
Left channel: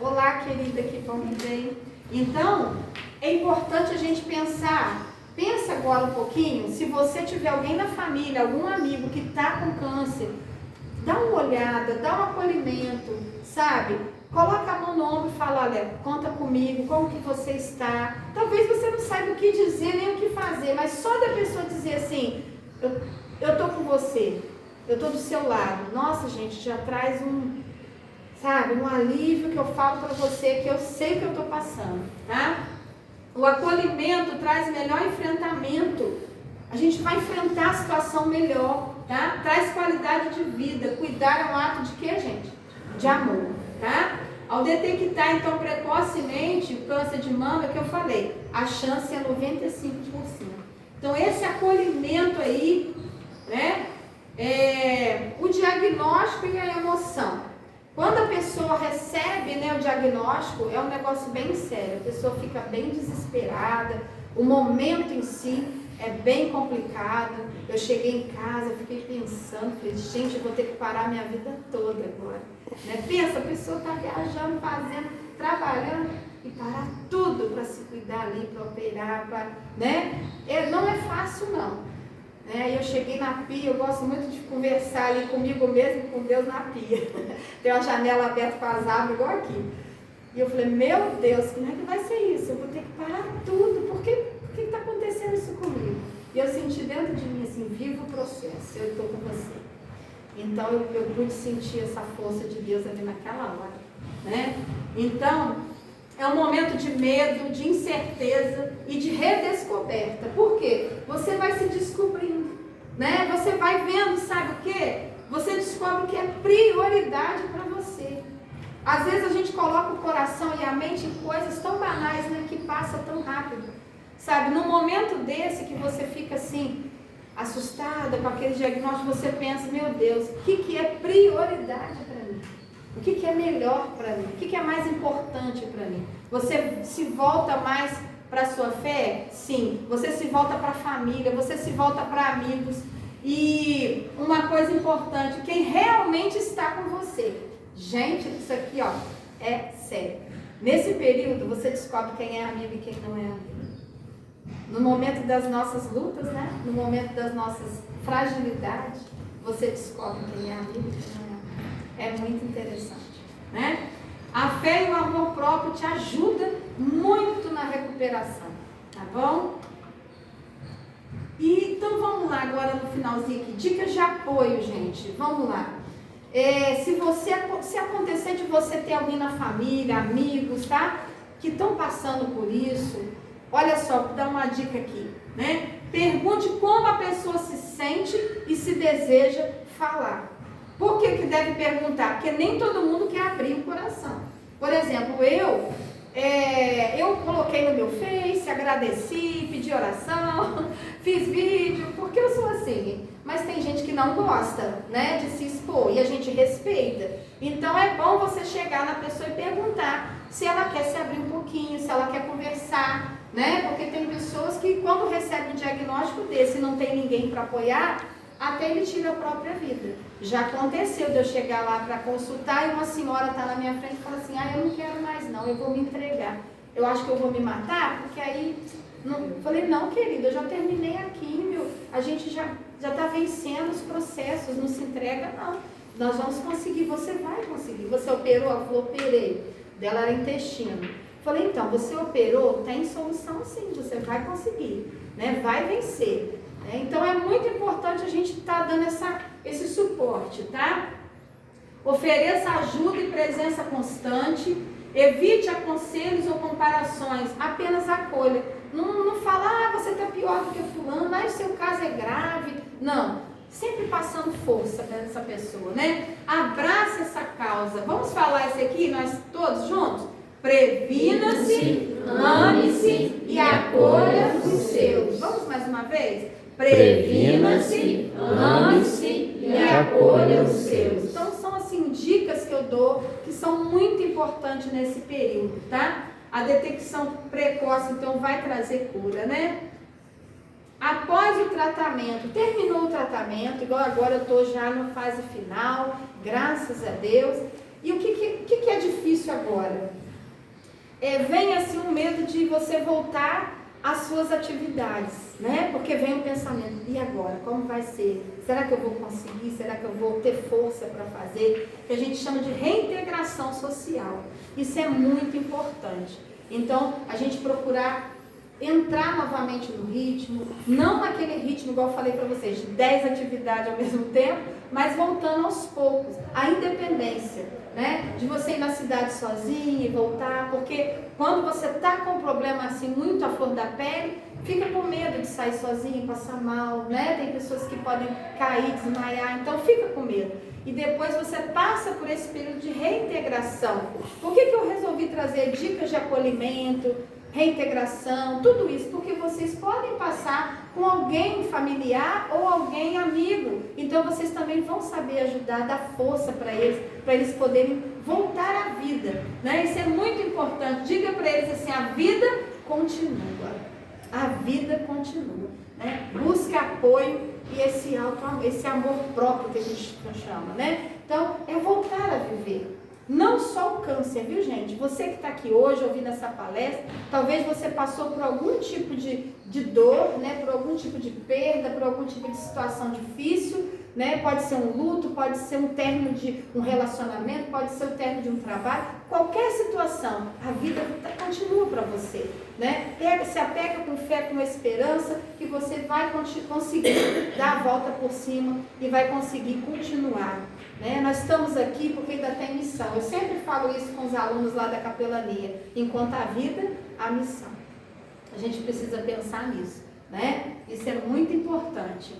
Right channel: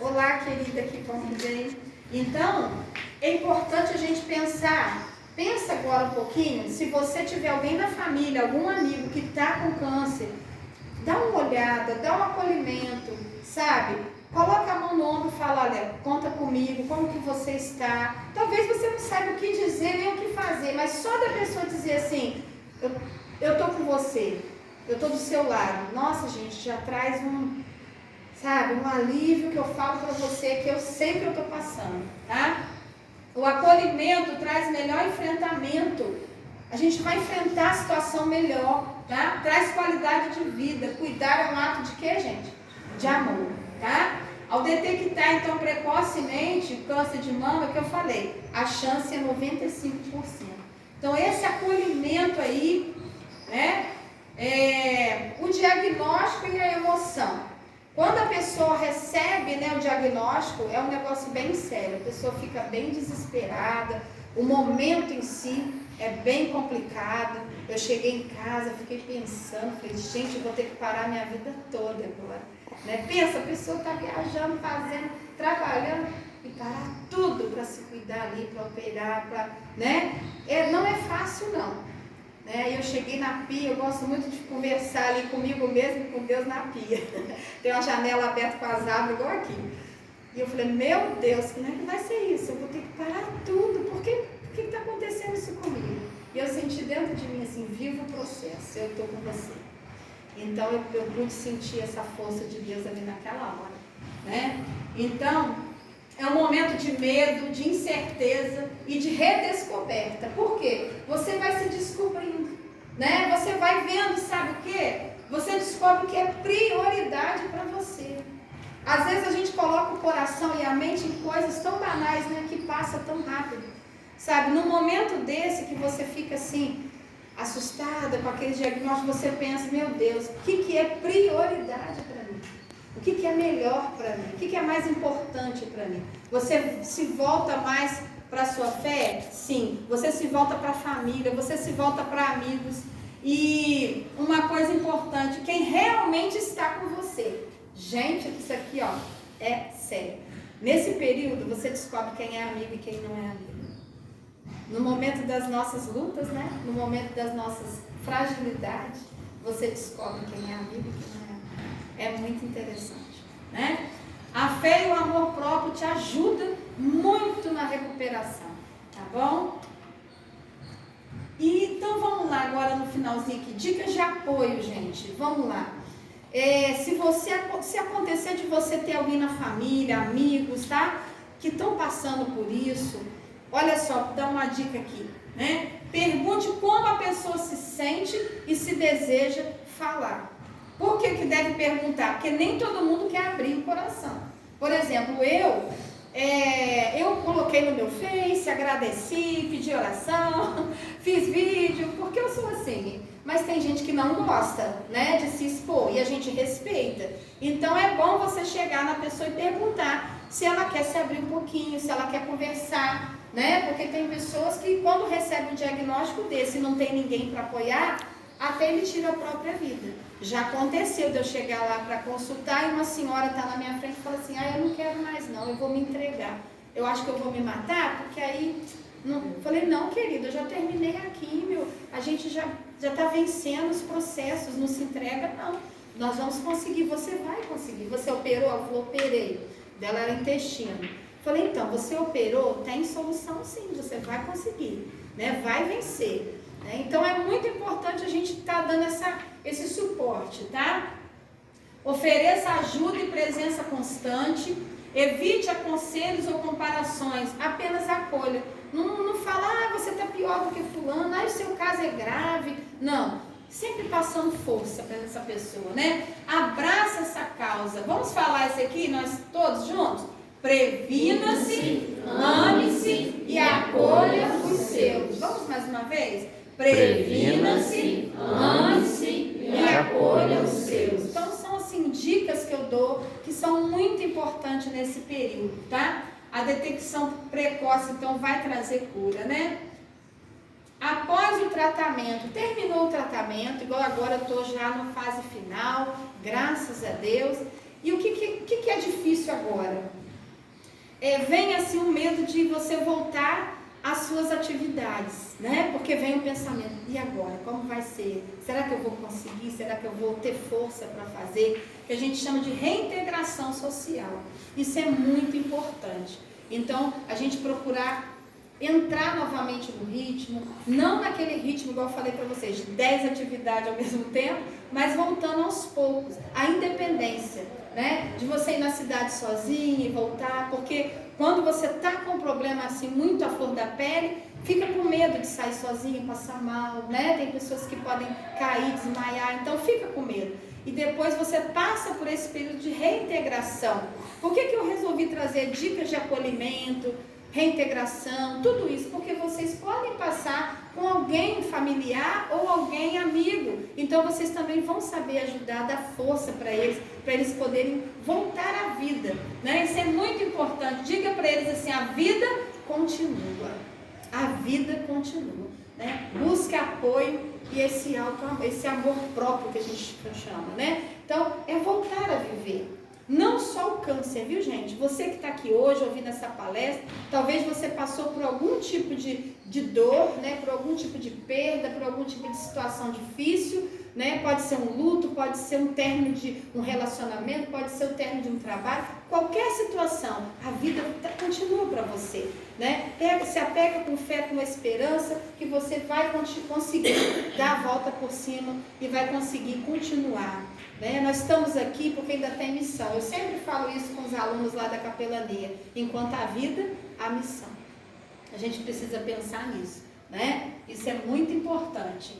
Olá, querida, que bom que veio. Então, é importante a gente pensar. Pensa agora um pouquinho, se você tiver alguém na família, algum amigo que está com câncer, dá uma olhada, dá um acolhimento, sabe? Coloca a mão no ombro e fala, olha, conta comigo, como que você está? Talvez você não saiba o que dizer, nem o que fazer, mas só da pessoa dizer assim, eu estou com você. Eu estou do seu lado. Nossa, gente, já traz um alívio que eu falo para você, que eu sei que eu estou passando, tá? O acolhimento traz melhor enfrentamento. A gente vai enfrentar a situação melhor, tá? Traz qualidade de vida. Cuidar é um ato de quê, gente? De amor, tá? Ao detectar, então, precocemente o câncer de mama, que eu falei, a chance é 95%. Então, esse acolhimento aí, né? O diagnóstico e a emoção. Quando a pessoa recebe, né, o diagnóstico, é um negócio bem sério, a pessoa fica bem desesperada, o momento em si é bem complicado. Eu cheguei em casa, fiquei pensando, falei, gente, eu vou ter que parar minha vida toda agora. Né? Pensa, a pessoa está viajando, fazendo, trabalhando, e parar tudo para se cuidar ali, para operar, né? Não é fácil não. Eu cheguei na pia, eu gosto muito de conversar ali comigo mesmo e com Deus na pia. Tem uma janela aberta com as árvores igual aqui. E eu falei, meu Deus, como é que vai ser isso? Eu vou ter que parar tudo, por que está acontecendo isso comigo? E eu senti dentro de mim assim, viva o processo, eu estou com você. Então eu pude sentir essa força de Deus ali naquela hora. Né? Então, é um momento de medo, de incerteza e de redescoberta. Por quê? Você vai se descobrindo, né? Você vai vendo, sabe o quê? Você descobre o que é prioridade para você. Às vezes a gente coloca o coração e a mente em coisas tão banais, né? Que passa tão rápido. Sabe, num momento desse que você fica assim, assustada com aquele diagnóstico, você pensa, meu Deus, o que é prioridade para mim? O que é melhor para mim? O que é mais importante para mim? Você se volta mais para a sua fé? Sim. Você se volta para a família, você se volta para amigos. E uma coisa importante, quem realmente está com você. Gente, isso aqui ó, é sério. Nesse período você descobre quem é amigo e quem não é amigo. No momento das nossas lutas, né? No momento das nossas fragilidades, você descobre quem é amigo e quem não é amigo. É muito interessante, né? A fé e o amor próprio te ajudam muito na recuperação, tá bom? E então vamos lá agora no finalzinho aqui, dicas de apoio, gente, vamos lá. Se acontecer de você ter alguém na família, amigos, tá? Que estão passando por isso, olha só, vou dar uma dica aqui, né? Pergunte como a pessoa se sente e se deseja falar. Por que deve perguntar? Porque nem todo mundo quer abrir o coração. Por exemplo, eu coloquei no meu Face, agradeci, pedi oração, fiz vídeo, porque eu sou assim. Mas tem gente que não gosta, né, de se expor e a gente respeita. Então é bom você chegar na pessoa e perguntar se ela quer se abrir um pouquinho, se ela quer conversar, né? Porque tem pessoas que quando recebem um diagnóstico desse e não tem ninguém para apoiar, até ele tira a própria vida. Já aconteceu de eu chegar lá para consultar e uma senhora está na minha frente e fala assim, eu não quero mais não, eu vou me entregar. Eu acho que eu vou me matar, porque aí... Não. Falei, não querida, eu já terminei a químio, a gente já está vencendo os processos, não se entrega não. Nós vamos conseguir, você vai conseguir. Você operou? Ela falou, operei. Dela era intestino. Falei, então, você operou? Tem solução sim, você vai conseguir, né? Vai vencer. Então é muito importante a gente estar dando esse suporte, tá? Ofereça ajuda e presença constante, evite aconselhos ou comparações, apenas acolha. Não fala, você está pior do que fulano, o seu caso é grave. Não, sempre passando força para essa pessoa, né? Abraça essa causa. Vamos falar isso aqui, nós todos juntos? Previna-se, ame-se e acolha os seus. Vamos mais uma vez? Previna-se, ame-se e acolha os seus. Então são assim dicas que eu dou que são muito importantes nesse período, tá? A detecção precoce então vai trazer cura, né? Após o tratamento, terminou o tratamento, igual agora eu estou já na fase final, graças a Deus. E o que é difícil agora? Vem assim um medo de você voltar às suas atividades, né? Porque vem o pensamento, e agora? Como vai ser? Será que eu vou conseguir? Será que eu vou ter força para fazer? Que a gente chama de reintegração social. Isso é muito importante. Então, a gente procurar entrar novamente no ritmo, não naquele ritmo, igual eu falei para vocês, de 10 atividades ao mesmo tempo, mas voltando aos poucos. A independência, né? De você ir na cidade sozinha e voltar, porque quando você está com um problema assim, muito à flor da pele, fica com medo de sair sozinha, passar mal, né? Tem pessoas que podem cair, desmaiar, então fica com medo. E depois você passa por esse período de reintegração. Por que eu resolvi trazer dicas de acolhimento, reintegração, tudo isso, porque vocês podem passar com alguém familiar ou alguém amigo, então vocês também vão saber ajudar, dar força para eles poderem voltar à vida, né? Isso é muito importante. Diga para eles assim: a vida continua, a vida continua, né? Busque apoio e esse amor próprio que a gente chama, né? Então, é voltar a viver. Não só o câncer, viu, gente? Você que está aqui hoje ouvindo essa palestra, talvez você passou por algum tipo de dor, né? Por algum tipo de perda, por algum tipo de situação difícil, né? Pode ser um luto, pode ser um término de um relacionamento, pode ser o término de um trabalho, qualquer situação, a vida continua para você, né? Se apega com fé, com esperança, que você vai conseguir dar a volta por cima e vai conseguir continuar. Né? Nós estamos aqui porque ainda tem missão. Eu sempre falo isso com os alunos lá da capelania: enquanto a vida, a missão. A gente precisa pensar nisso, né? Isso é muito importante.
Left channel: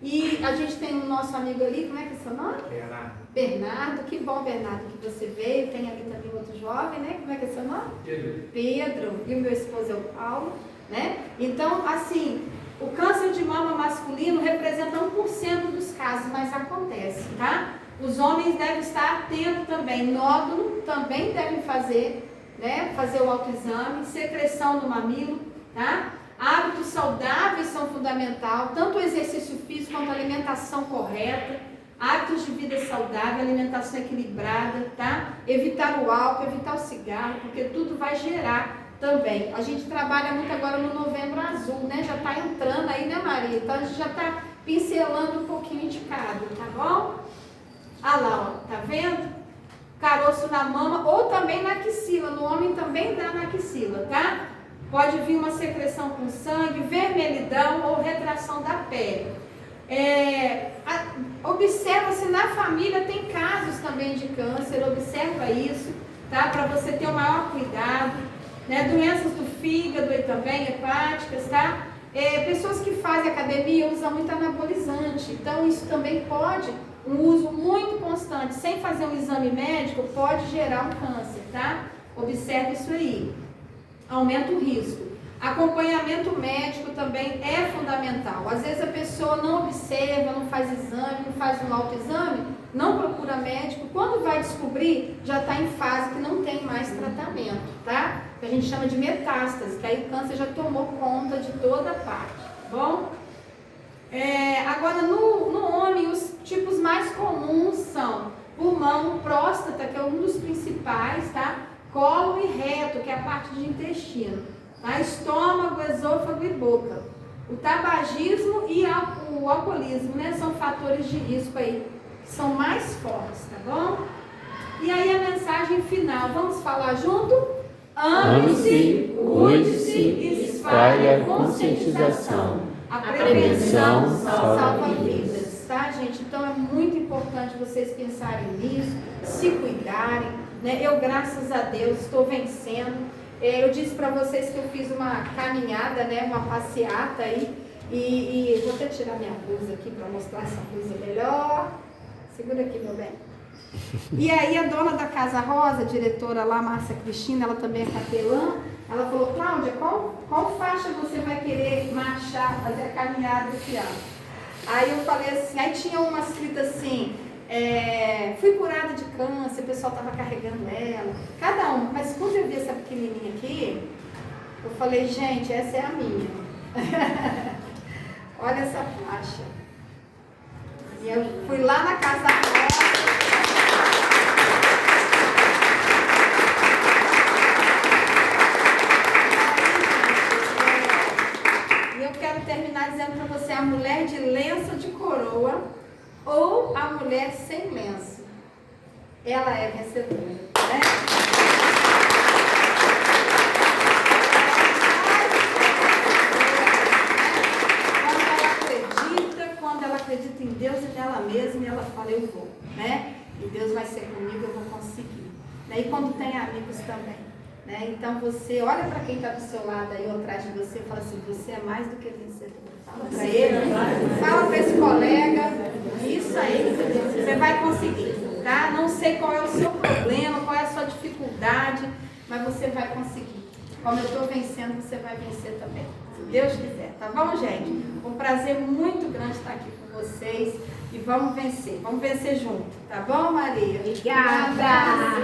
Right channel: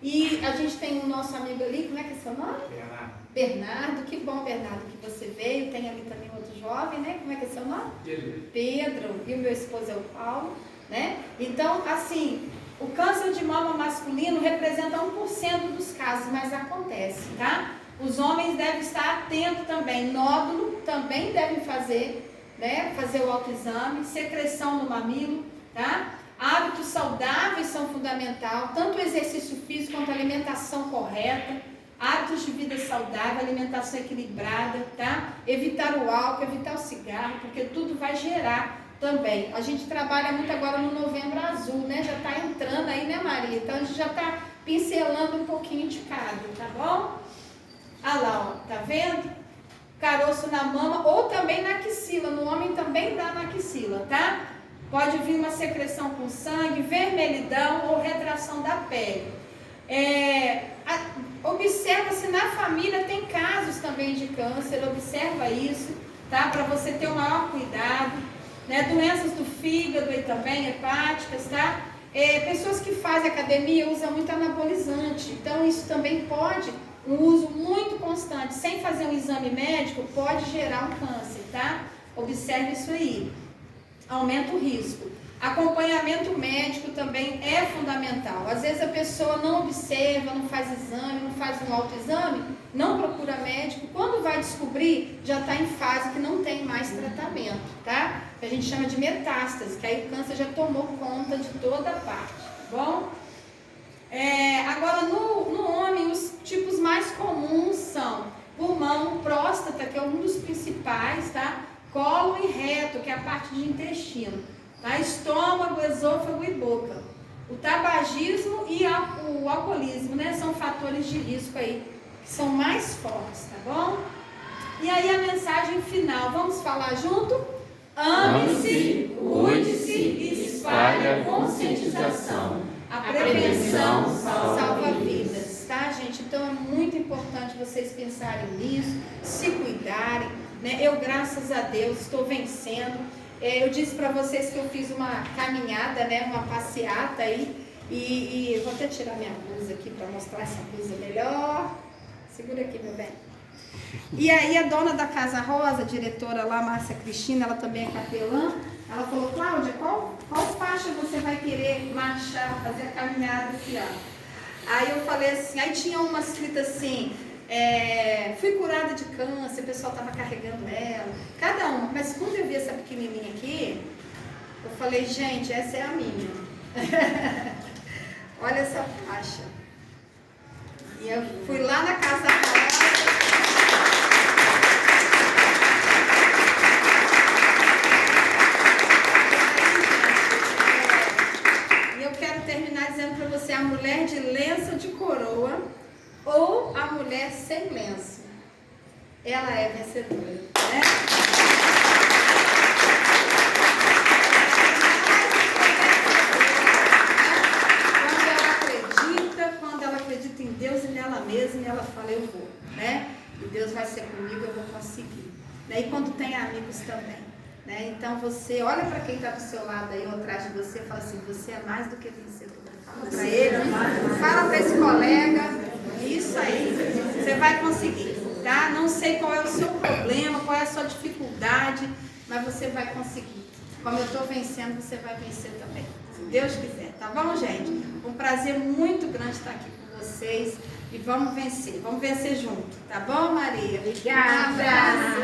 E a gente tem um nosso amigo ali, como é que é seu nome? Bernardo. Que bom, Bernardo, que você veio. Tem ali também outro jovem, né? Como é que é seu nome? Pedro. E o meu esposo é o Paulo, né? Então, assim, o câncer de mama masculino representa 1% dos casos, mas acontece, tá? Os homens devem estar atentos também. Nódulo também devem fazer, né? Fazer o autoexame. Secreção no mamilo, tá? Hábitos saudáveis são fundamentais, tanto o exercício físico quanto a alimentação correta. Hábitos de vida saudável, alimentação equilibrada, tá? Evitar o álcool, evitar o cigarro, porque tudo vai gerar também. A gente trabalha muito agora no Novembro Azul, né? Já está entrando aí, né, Maria? Então a gente já está pincelando um pouquinho de cada, tá bom? Ah lá, ó, tá vendo? Caroço na mama ou também na axila. No homem também dá na axila, tá? Pode vir uma secreção com sangue, vermelhidão ou retração da pele. Observa se na família tem casos também de câncer, observa isso, tá? Para você ter o maior cuidado, né? Doenças do fígado aí também, hepáticas, tá? Pessoas que fazem academia usam muito anabolizante, então isso também pode, um uso muito constante, sem fazer um exame médico, pode gerar um câncer, tá? Observe isso aí. Aumenta o risco. Acompanhamento médico também é fundamental. Às vezes a pessoa não observa, não faz exame, não faz um autoexame, não procura médico. Quando vai descobrir, já está em fase que não tem mais tratamento, tá? Que a gente chama de metástase, que aí o câncer já tomou conta de toda a parte, tá bom? Agora, no homem, os tipos mais comuns são pulmão, próstata, que é um dos principais, tá? Colo e reto, que é a parte de intestino, tá? Estômago, esôfago e boca. O tabagismo e o alcoolismo, né? São fatores de risco aí, que são mais fortes, tá bom? E aí a mensagem final, vamos falar junto? Ame-se, cuide-se e espalhe a conscientização. A prevenção salva vidas, tá, gente? Então é muito importante vocês pensarem nisso, se cuidarem, né? Eu, graças a Deus, estou vencendo. Eu disse para vocês que eu fiz uma caminhada, né? Uma passeata aí. E vou até tirar minha blusa aqui para mostrar essa blusa melhor. Segura aqui, meu bem. E aí a dona da Casa Rosa, a diretora lá, Márcia Cristina, ela também é capelã, ela falou: Cláudia, qual faixa você vai querer marchar, fazer a caminhada aqui, ó? Aí eu falei assim, aí tinha uma escrita assim, fui curada de câncer, o pessoal estava carregando ela, cada uma, mas quando eu vi essa pequenininha aqui, eu falei, gente, essa é a minha. Olha essa faixa. E eu fui lá na Casa Rosa. Terminar dizendo para você: a mulher de lenço de coroa ou a mulher sem lenço, ela é vencedora, né? Quando ela acredita em Deus e nela mesma, ela fala: eu vou, né? E Deus vai ser comigo, eu vou conseguir, né? E quando tem amigos também, né? Então você olha para quem está do seu lado aí ou atrás de você e fala assim: você é mais do que vencedor. Fala para ele, fala para esse colega, isso aí, você vai conseguir, tá? Não sei qual é o seu problema, qual é a sua dificuldade, mas você vai conseguir, como eu estou vencendo, você vai vencer também. Se Deus quiser, tá bom, gente? Um prazer muito grande estar aqui com vocês. E vamos vencer junto, tá bom, Maria? Obrigada!